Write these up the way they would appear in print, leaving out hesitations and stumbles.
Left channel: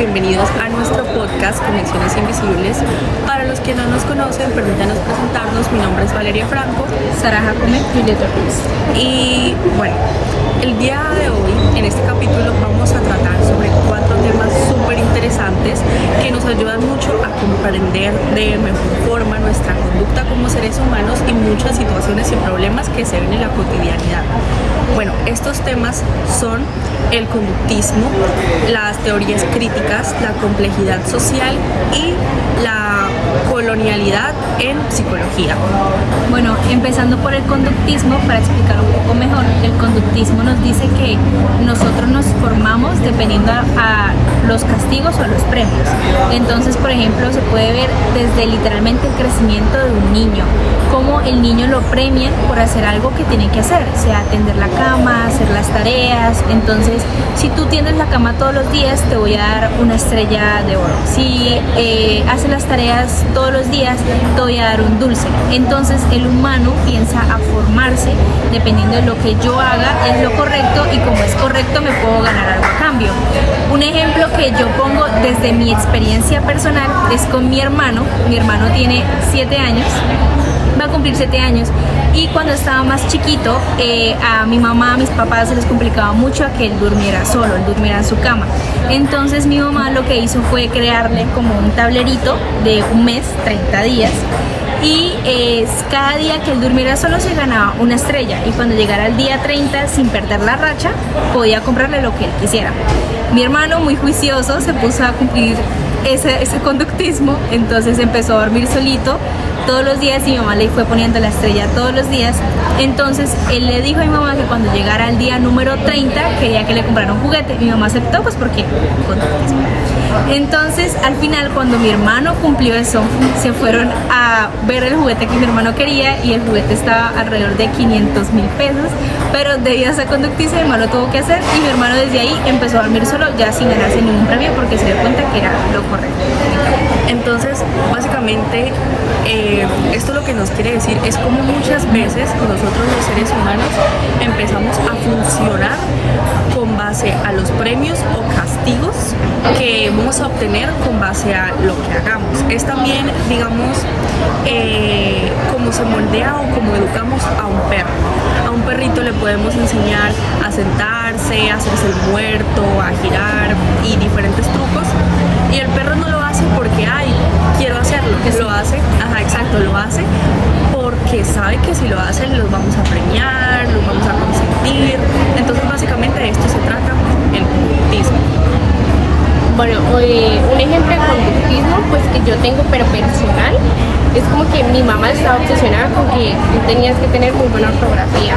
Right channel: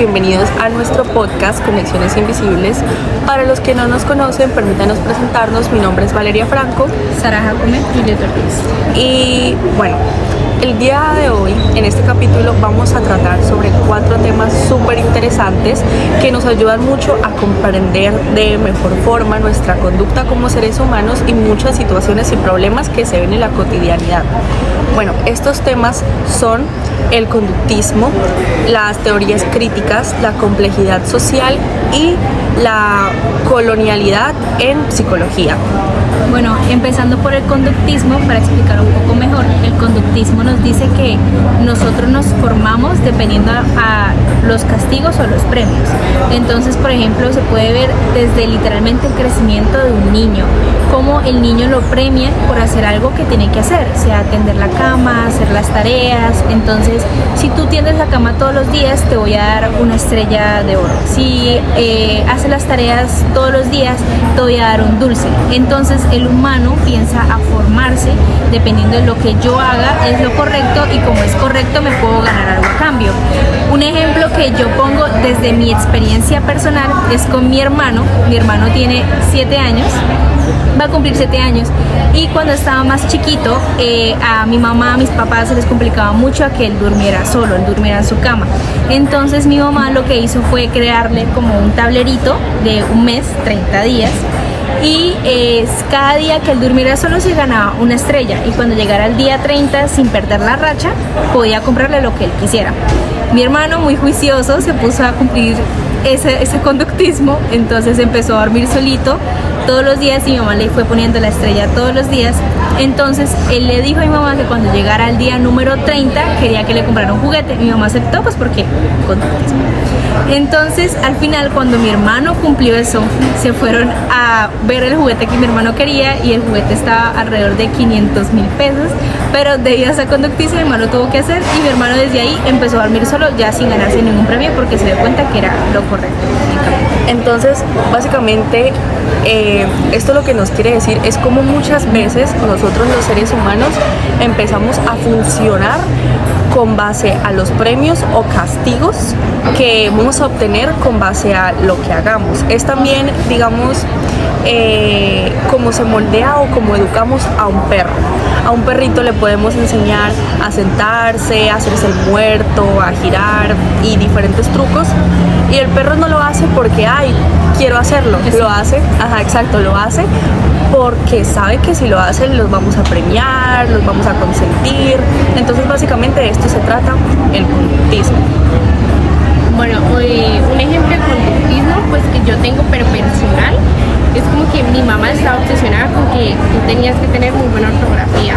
bienvenidos a nuestro podcast Conexiones Invisibles. Para los que no nos conocen, permítanos presentarnos. Mi nombre es Valeria Franco. Sara Jacome, Julieta Ruiz. Y bueno, el día de hoy, en este capítulo, vamos a tratar sobre 4 temas súper interesantes que nos ayudan mucho a comprender de mejor forma nuestra conducta como seres humanos y muchas situaciones y problemas que se ven en la cotidianidad. Bueno, estos temas son el conductismo, las teorías críticas, la complejidad social y la colonialidad en psicología. Bueno, empezando por el conductismo, para explicar un poco mejor, el conductismo nos dice que nosotros nos formamos dependiendo a los castigos o los premios. Entonces, por ejemplo, se puede ver desde literalmente el crecimiento de un niño, cómo el niño lo premian por hacer algo que tiene que hacer, sea tender la cama, hacer las tareas. Entonces, si tú tiendes la cama todos los días, te voy a dar una estrella de oro. Si haces las tareas todos los días, te voy a dar un dulce. Entonces, el humano piensa a formarse dependiendo de lo que yo haga es lo correcto, y como es correcto me puedo ganar algo a cambio. Un ejemplo que yo pongo desde mi experiencia personal es con mi hermano. Mi hermano tiene 7 años, va a cumplir 7 años, y cuando estaba más chiquito, a mi mamá, a mis papás se les complicaba mucho a que él durmiera solo, él durmiera en su cama. Entonces mi mamá lo que hizo fue crearle como un tablerito de un mes, 30 días, y cada día que él durmiera solo se ganaba una estrella, y cuando llegara el día 30, sin perder la racha, podía comprarle lo que él quisiera. Mi hermano, muy juicioso, se puso a cumplir ese conductismo, entonces empezó a dormir solito todos los días y mi mamá le fue poniendo la estrella todos los días. Entonces él le dijo a mi mamá que cuando llegara al día número 30 quería que le comprara un juguete. Mi mamá aceptó, pues porque conductismo. Entonces al final, cuando mi hermano cumplió eso, se fueron a ver el juguete que mi hermano quería, y el juguete estaba alrededor de 500,000 pesos, pero debido a esa conductismo mi hermano tuvo que hacer, y mi hermano desde ahí empezó a dormir solo, ya sin ganarse ningún premio, porque se dio cuenta que era lo correcto. Entonces, básicamente, esto lo que nos quiere decir es como muchas veces nosotros los seres humanos empezamos a funcionar con base a los premios o castigos que vamos a obtener con base a lo que hagamos. Es también, digamos, como se moldea o como educamos a un perro. A un perrito le podemos enseñar a sentarse, a hacerse el muerto, a girar y diferentes trucos, y el perro no lo hace porque, ay, quiero hacerlo, lo hace, lo hace porque sabe que si lo hacen los vamos a premiar, los vamos a consentir. Entonces básicamente de esto se trata el conductismo. Bueno, un ejemplo de conductismo pues que yo tengo pero personal es como que mi mamá estaba obsesionada con que tú tenías que tener muy buena ortografía.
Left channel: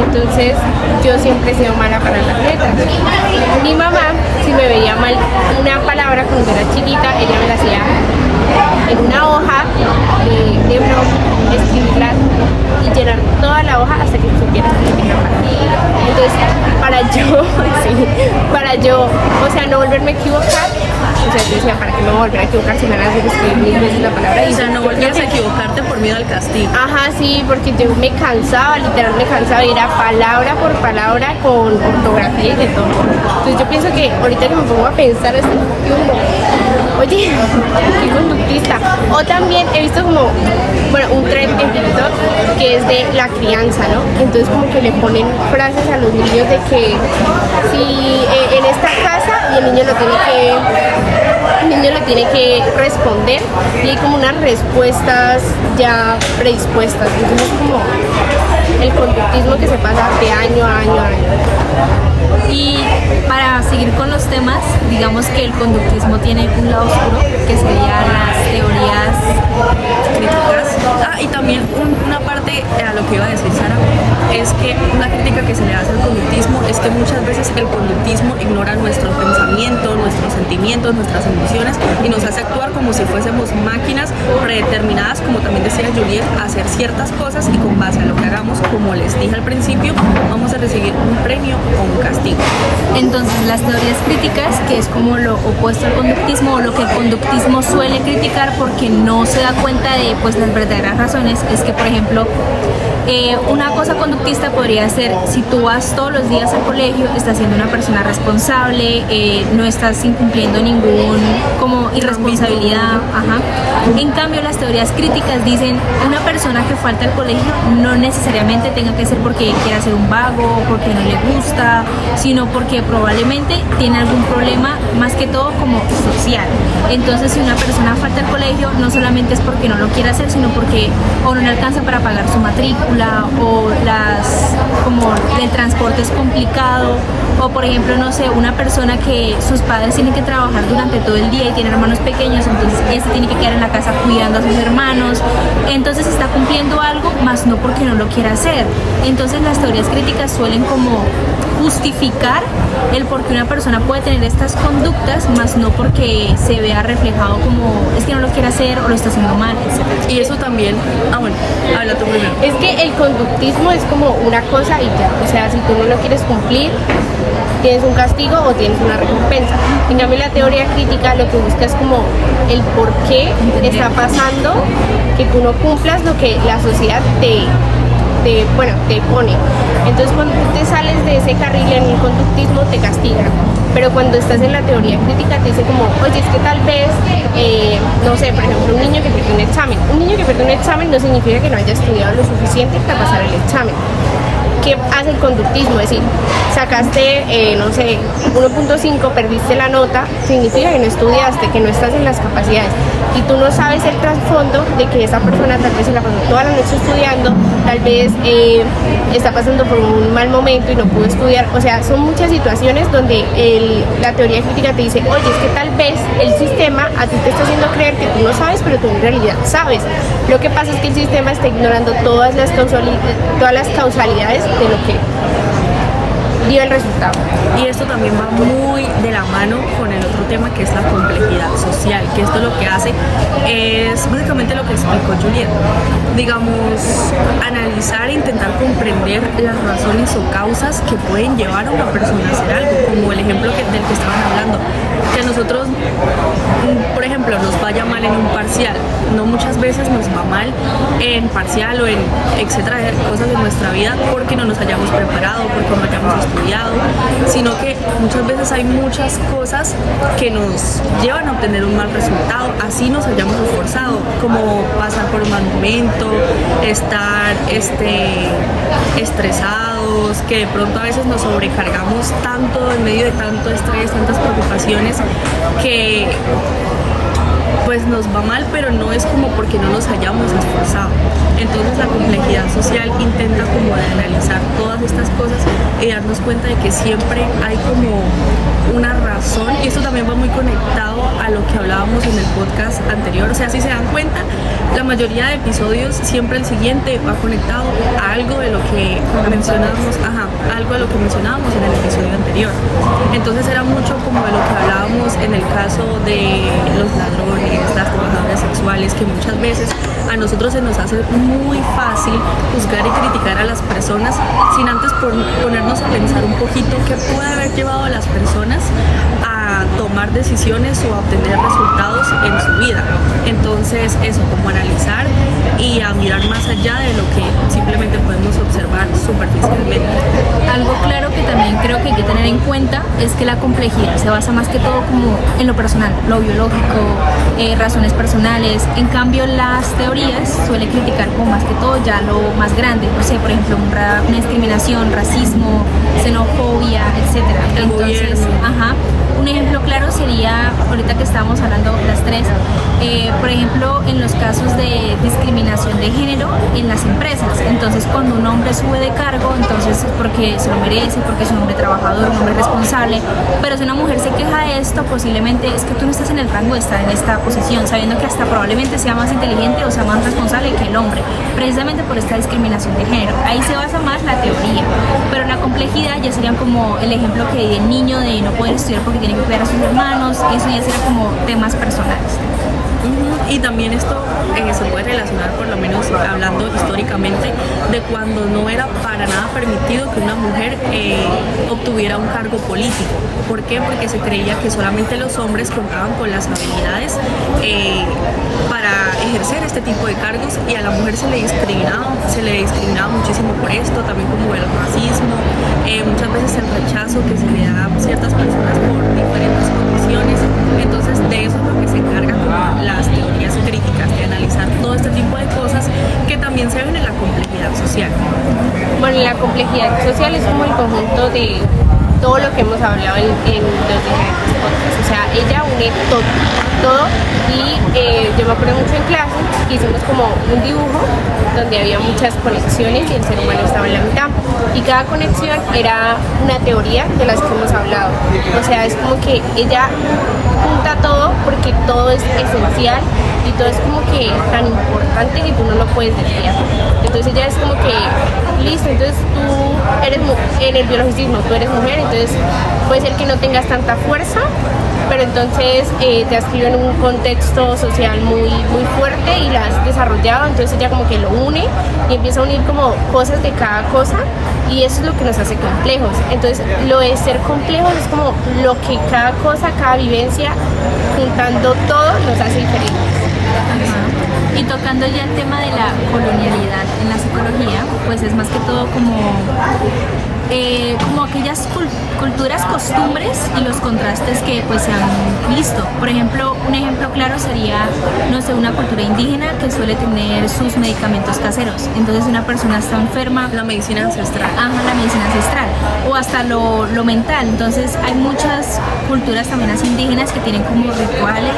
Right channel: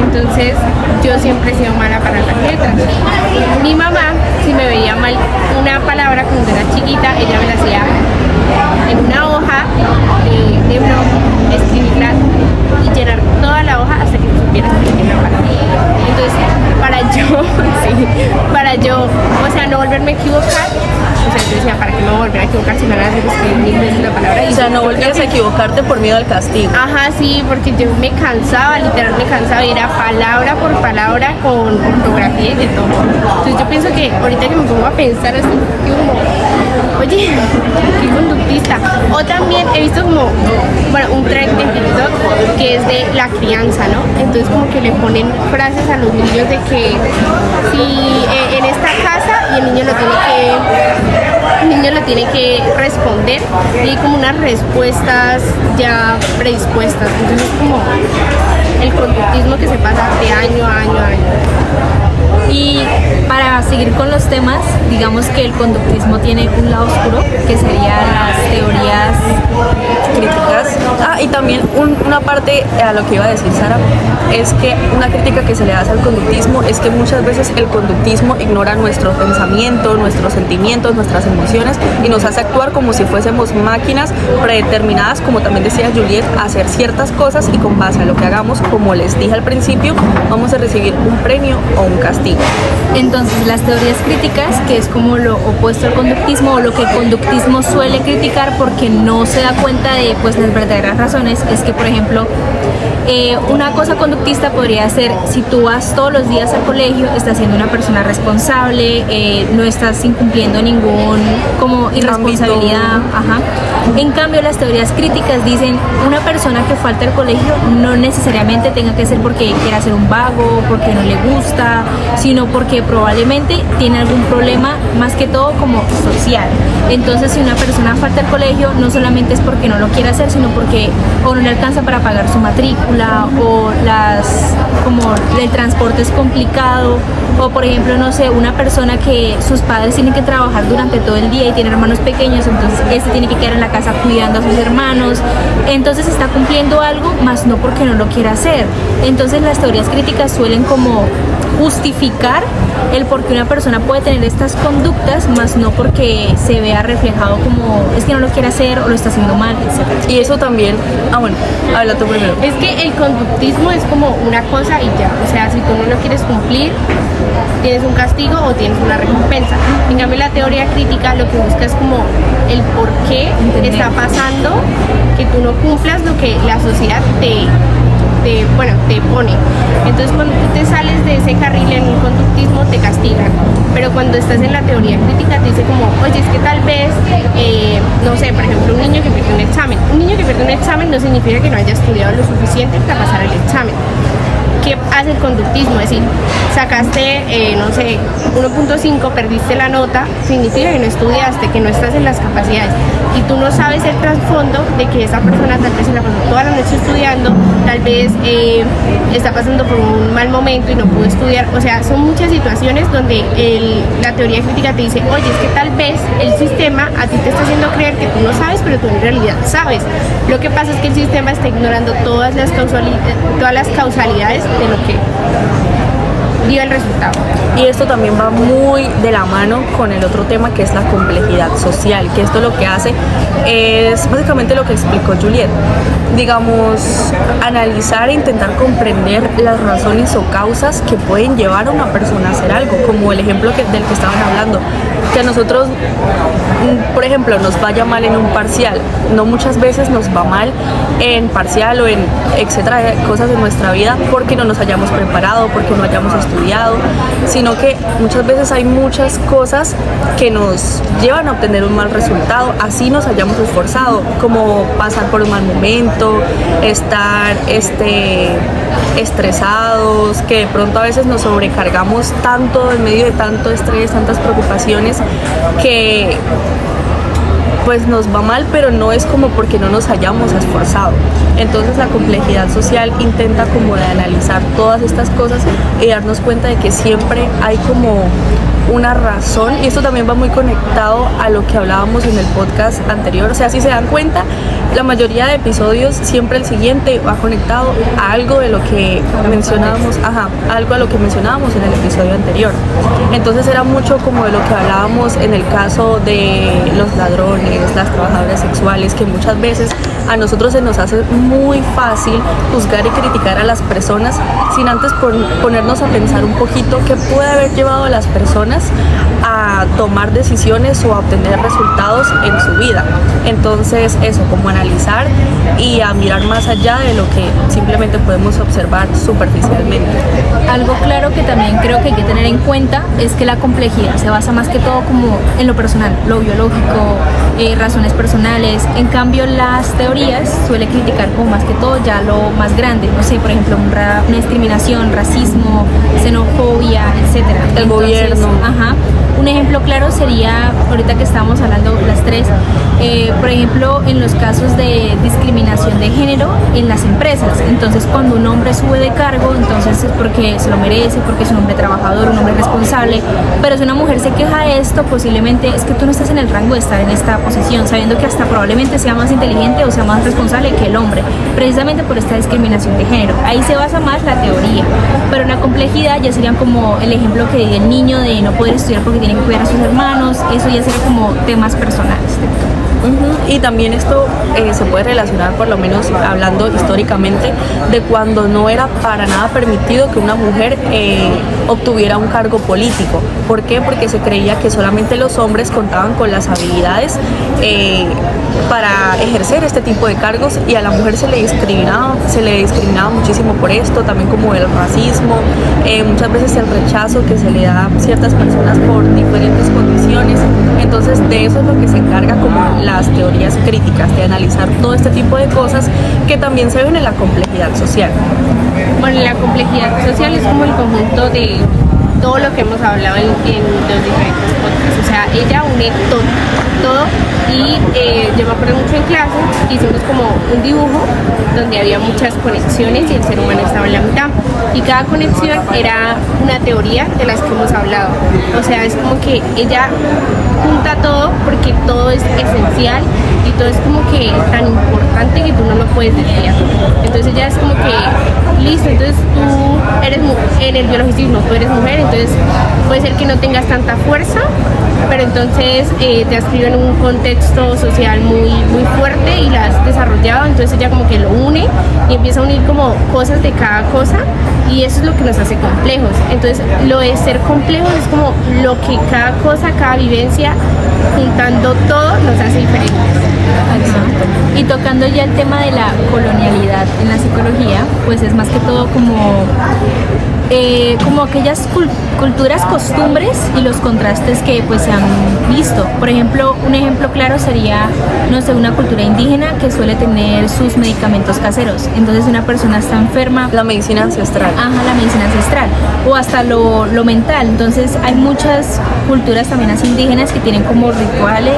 Entonces yo siempre he sido mala para las letras. Mi mamá, si me veía mal una palabra cuando era chiquita, ella me la hacía en una hoja de blog, escribirla y llenar toda la hoja hasta que supieras escribir una palabra. Entonces, para yo, o sea, no volverme a equivocar. O sea, yo decía, ¿para qué me voy a volver a equivocar si me van a hacer escribir 1000 veces la palabra? O sea, no volvías a equivocarte por miedo al castigo. Ajá, sí, porque yo me cansaba, literal me cansaba, y era palabra por palabra con ortografía y de todo. Entonces yo pienso que ahorita que me pongo a pensar así, yo como, oye, qué conductista. O también he visto como, bueno, un trend en TikTok que es de la crianza, ¿no? Entonces como que le ponen frases a los niños de que si en esta casa, y el niño lo tiene que responder, y hay como unas respuestas ya predispuestas. Entonces es como el conductismo que se pasa de año a año a año. Y para seguir con los temas, digamos que el conductismo tiene un lado oscuro, que serían las teorías críticas. Y también una parte a lo que iba a decir Sara, es que una crítica que se le hace al conductismo es que muchas veces el conductismo ignora nuestros pensamientos, nuestros sentimientos, nuestras emociones, y nos hace actuar como si fuésemos máquinas predeterminadas, como también decía Juliet, a hacer ciertas cosas, y con base a lo que hagamos, como les dije al principio, vamos a recibir un premio o un castigo. Entonces, las teorías críticas, que es como lo opuesto al conductismo, o lo que el conductismo suele criticar porque no se da cuenta de pues las verdaderas razones, es que, por ejemplo, Una cosa conductista podría ser, si tú vas todos los días al colegio, estás siendo una persona responsable, no estás incumpliendo ningún como irresponsabilidad. Ajá. En cambio, las teorías críticas dicen, una persona que falta al colegio no necesariamente tenga que ser porque quiera ser un vago, porque no le gusta, sino porque probablemente tiene algún problema, más que todo como social. Entonces, si una persona falta al colegio, no solamente es porque no lo quiere hacer, sino porque o no le alcanza para pagar su matrícula, o como el transporte es complicado, o por ejemplo, no sé, una persona que sus padres tienen que trabajar durante todo el día y tienen hermanos pequeños, entonces este tiene que quedar en la casa cuidando a sus hermanos, entonces está cumpliendo algo, más no porque no lo quiera hacer. Entonces las teorías críticas suelen como justificar el por qué una persona puede tener estas conductas, más no porque se vea reflejado como es que no lo quiere hacer o lo está haciendo mal, etc. Y eso también, bueno, habla tú primero. Es que el conductismo es como una cosa y ya, o sea, si tú no lo quieres cumplir, tienes un castigo o tienes una recompensa. En cambio, la teoría crítica lo que busca es como el por qué está pasando que tú no cumplas lo que la sociedad te pone. Entonces, cuando tú te sales de ese carril en el conductismo, te castigan. Pero cuando estás en la teoría crítica, te dice como, oye, es que tal vez, no sé, por ejemplo, un niño que pierde un examen. Un niño que pierde un examen no significa que no haya estudiado lo suficiente para pasar el examen. ¿Qué hace el conductismo? Es decir, sacaste, no sé, 1.5, perdiste la nota, significa que no estudiaste, que no estás en las capacidades. Y tú no sabes el trasfondo de que esa persona tal vez se la pasó toda la noche estudiando, tal vez está pasando por un mal momento y no pudo estudiar. O sea, son muchas situaciones donde la teoría crítica te dice, oye, es que tal vez el sistema a ti te está haciendo creer que tú no sabes, pero tú en realidad sabes. Lo que pasa es que el sistema está ignorando todas las causalidades de lo que dio el resultado. Y esto también va muy de la mano con el otro tema, que es la complejidad social, que esto lo que hace es básicamente lo que explicó Juliet. Digamos, analizar e intentar comprender las razones o causas que pueden llevar a una persona a hacer algo, como el ejemplo del que estábamos hablando, que a nosotros, por ejemplo, nos vaya mal en un parcial. No muchas veces nos va mal en parcial o en etcétera, cosas de nuestra vida porque no nos hayamos preparado, porque no hayamos estudiado, sino que muchas veces hay muchas cosas que nos llevan a obtener un mal resultado, así nos hayamos esforzado, como pasar por un mal momento, estar estresados, que de pronto a veces nos sobrecargamos tanto en medio de tanto estrés, tantas preocupaciones, que pues nos va mal, pero no es como porque no nos hayamos esforzado. Entonces la complejidad social intenta como de analizar todas estas cosas y darnos cuenta de que siempre hay como una razón, y esto también va muy conectado a lo que hablábamos en el podcast anterior. O sea, si se dan cuenta, la mayoría de episodios, siempre el siguiente va conectado a algo de lo que mencionábamos, algo a lo que mencionábamos en el episodio anterior. Entonces era mucho como de lo que hablábamos en el caso de los ladrones, las trabajadoras sexuales, que muchas veces a nosotros se nos hace muy fácil juzgar y criticar a las personas sin antes ponernos a pensar un poquito qué puede haber llevado a las personas a tomar decisiones o a obtener resultados en su vida. Entonces eso, como analizar y a mirar más allá de lo que simplemente podemos observar superficialmente. Algo claro que también creo que hay que tener en cuenta es que la complejidad se basa más que todo como en lo personal, lo biológico, razones personales. En cambio, las teorías suele criticar como más que todo ya lo más grande, no sé, por ejemplo, una discriminación, racismo, xenofobia, etcétera. El gobierno. Un ejemplo claro sería, ahorita que estábamos hablando las tres, por ejemplo, en los casos de discriminación de género en las empresas. Entonces, cuando un hombre sube de cargo, entonces es porque se lo merece, porque es un hombre trabajador, un hombre responsable. Pero si una mujer se queja de esto, posiblemente es que tú no estás en el rango de estar en esta posición, sabiendo que hasta probablemente sea más inteligente o sea más responsable que el hombre, precisamente por esta discriminación de género. Ahí se basa más la teoría. Pero la complejidad ya sería como el ejemplo que di el niño de no poder estudiar porque tiene que cuidar a sus hermanos. Eso ya sería como temas personales. Y también esto se puede relacionar, por lo menos hablando históricamente, de cuando no era para nada permitido que una mujer obtuviera un cargo político. ¿Por qué? Porque se creía que solamente los hombres contaban con las habilidades para ejercer este tipo de cargos, y a la mujer se le discriminaba muchísimo por esto, también como el racismo, muchas veces el rechazo que se le da a ciertas personas por diferentes condiciones. Entonces de eso es lo que se encarga como las teorías críticas, de analizar todo este tipo de cosas que también se ven en la complejidad social. Bueno, la complejidad social es como el conjunto de todo lo que hemos hablado en los diferentes podcasts. O sea, ella une todo y yo me acuerdo mucho en clase que hicimos como un dibujo donde había muchas conexiones y el ser humano estaba en la mitad. Y cada conexión era una teoría de las que hemos hablado. O sea, es como que ella junta todo porque todo es esencial y todo es como que tan importante que tú no lo puedes desviar. Entonces ya es como que listo, entonces tú eres en el biologicismo, tú eres mujer, entonces puede ser que no tengas tanta fuerza, pero entonces te has criado en un contexto social muy fuerte y la has desarrollado, entonces ella como que lo une y empieza a unir como cosas de cada cosa, y eso es lo que nos hace complejos. Entonces lo de ser complejos es como lo que cada cosa, cada vivencia, juntando todo, nos hace diferentes. Ajá. Y tocando ya el tema de la colonialidad en la psicología, pues es más que todo como aquellas culturas, costumbres y los contrastes que pues se han visto. Por ejemplo, un ejemplo claro sería, no sé, una cultura indígena que suele tener sus medicamentos caseros. Entonces una persona está enferma, La medicina ancestral. ajá, la medicina ancestral, o hasta lo mental. Entonces hay muchas culturas también así indígenas que tienen como rituales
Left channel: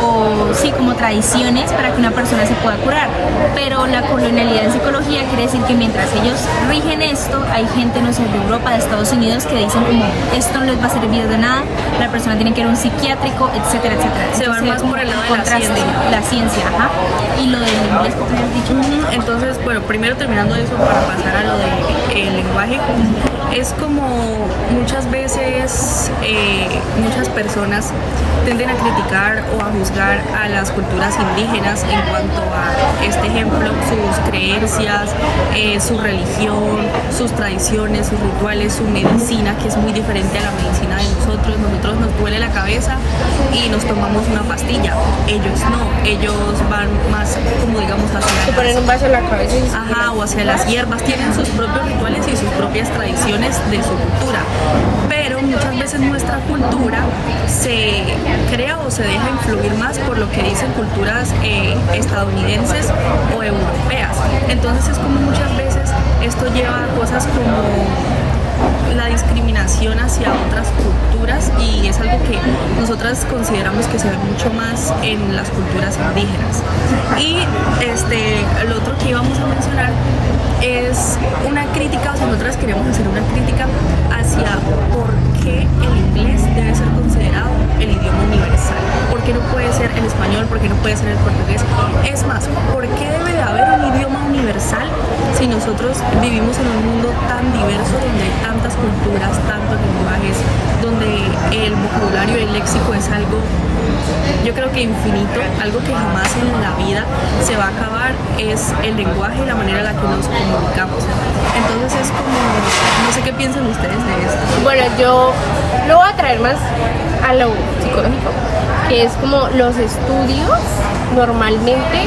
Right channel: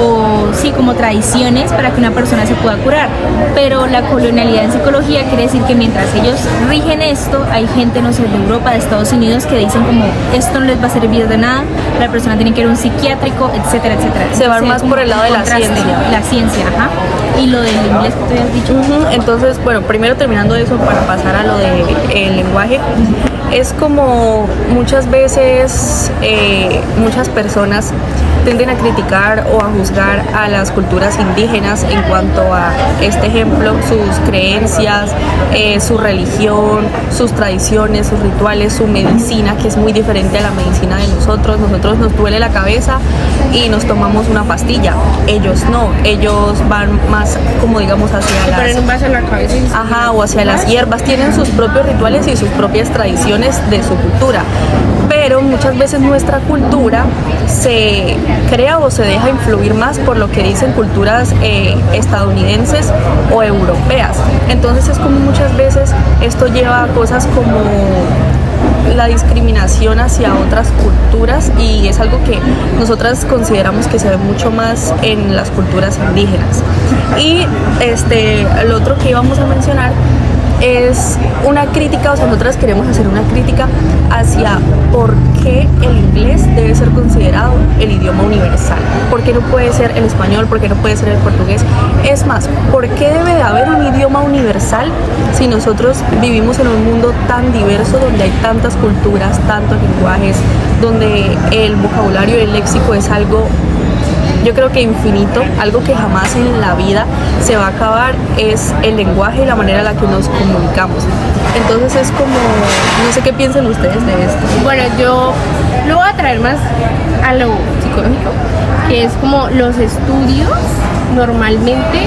o sí, como tradiciones para que una persona se pueda curar. Pero la colonialidad en psicología quiere decir que mientras ellos rigen esto, hay gente, no sé, de Europa, de Estados Unidos, que dicen como esto no les va a servir de nada, la persona tiene que ir a un psiquiátrico, etcétera, etcétera. Se van más por el lado de la ciencia. La ciencia, ajá. Y lo del inglés que tú habías dicho. Entonces, bueno, primero terminando eso para pasar a lo del lenguaje, es como muchas veces muchas personas tienden a criticar o a juzgar a las culturas indígenas en cuanto a este ejemplo, sus creencias, su religión, sus tradiciones, sus rituales, su medicina, que es muy diferente a la medicina de nosotros. Nosotros nos duele la cabeza y nos tomamos una pastilla. Ellos no, ellos van más como digamos hacia Se ponen un vaso en la cabeza y ajá, o hacia las hierbas, tienen sus propios rituales y sus propias tradiciones de su cultura, pero muchas veces nuestra cultura se crea o se deja influir más por lo que dicen culturas estadounidenses o europeas. Entonces es como muchas veces esto lleva a cosas como la discriminación hacia otras culturas, y es algo que nosotras consideramos que se ve mucho más en las culturas indígenas. Y lo otro que íbamos a mencionar es una crítica, o sea, nosotras queremos hacer una crítica hacia por qué el inglés debe ser considerado el idioma universal. ¿Por qué no puede ser el español? ¿Por qué no puede ser el portugués? Es más, ¿por qué debe de haber un idioma universal si nosotros vivimos en un mundo tan diverso, donde hay tantas culturas, tantos lenguajes, donde el vocabulario y el léxico es algo, yo creo que infinito, algo que jamás en la vida se va a acabar? Es el lenguaje y la manera en la que nos comunicamos. Entonces es como, no sé qué piensan ustedes de esto. bueno, yo lo voy a traer más a lo psicológico, que es como los estudios normalmente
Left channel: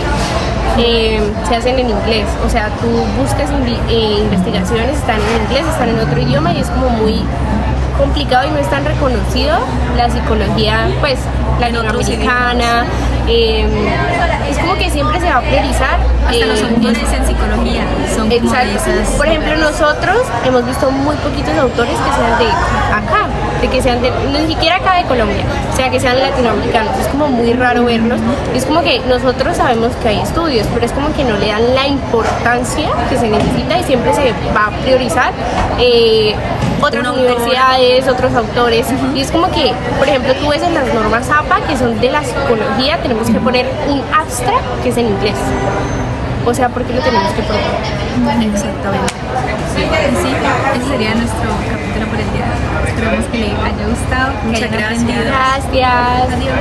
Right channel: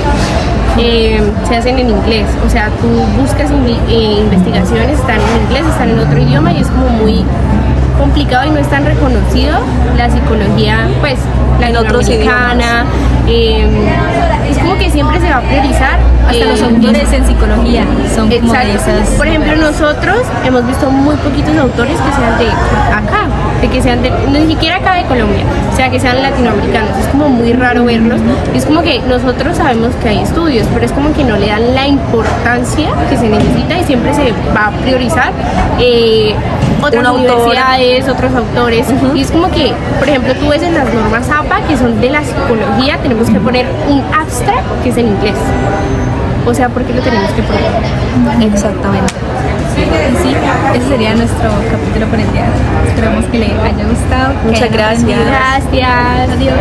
se hacen en inglés. O sea, tú buscas investigaciones, están en inglés, están en otro idioma, y es como muy complicado y no es tan reconocido la psicología, pues, latinoamericana. Es como que siempre se va a priorizar. Hasta los autores en psicología son como de esas. Por ejemplo, nosotros hemos visto muy poquitos autores que sean de acá, de que sean ni siquiera acá de Colombia, o sea, que sean latinoamericanos. Es como muy raro verlos. Es como que nosotros sabemos que hay estudios, pero es como que no le dan la importancia que se necesita, y siempre se va a priorizar otras universidades, otros autores. Y es como que, por ejemplo, tú ves en las normas APA, que son de la psicología, tenemos que poner un abstract que es en inglés. O sea, ¿por qué lo tenemos que poner? Exactamente. Sí, ese sería nuestro capítulo por el día de hoy. Esperemos que le haya gustado, que Muchas hayan gracias. aprendido. Gracias. Adiós.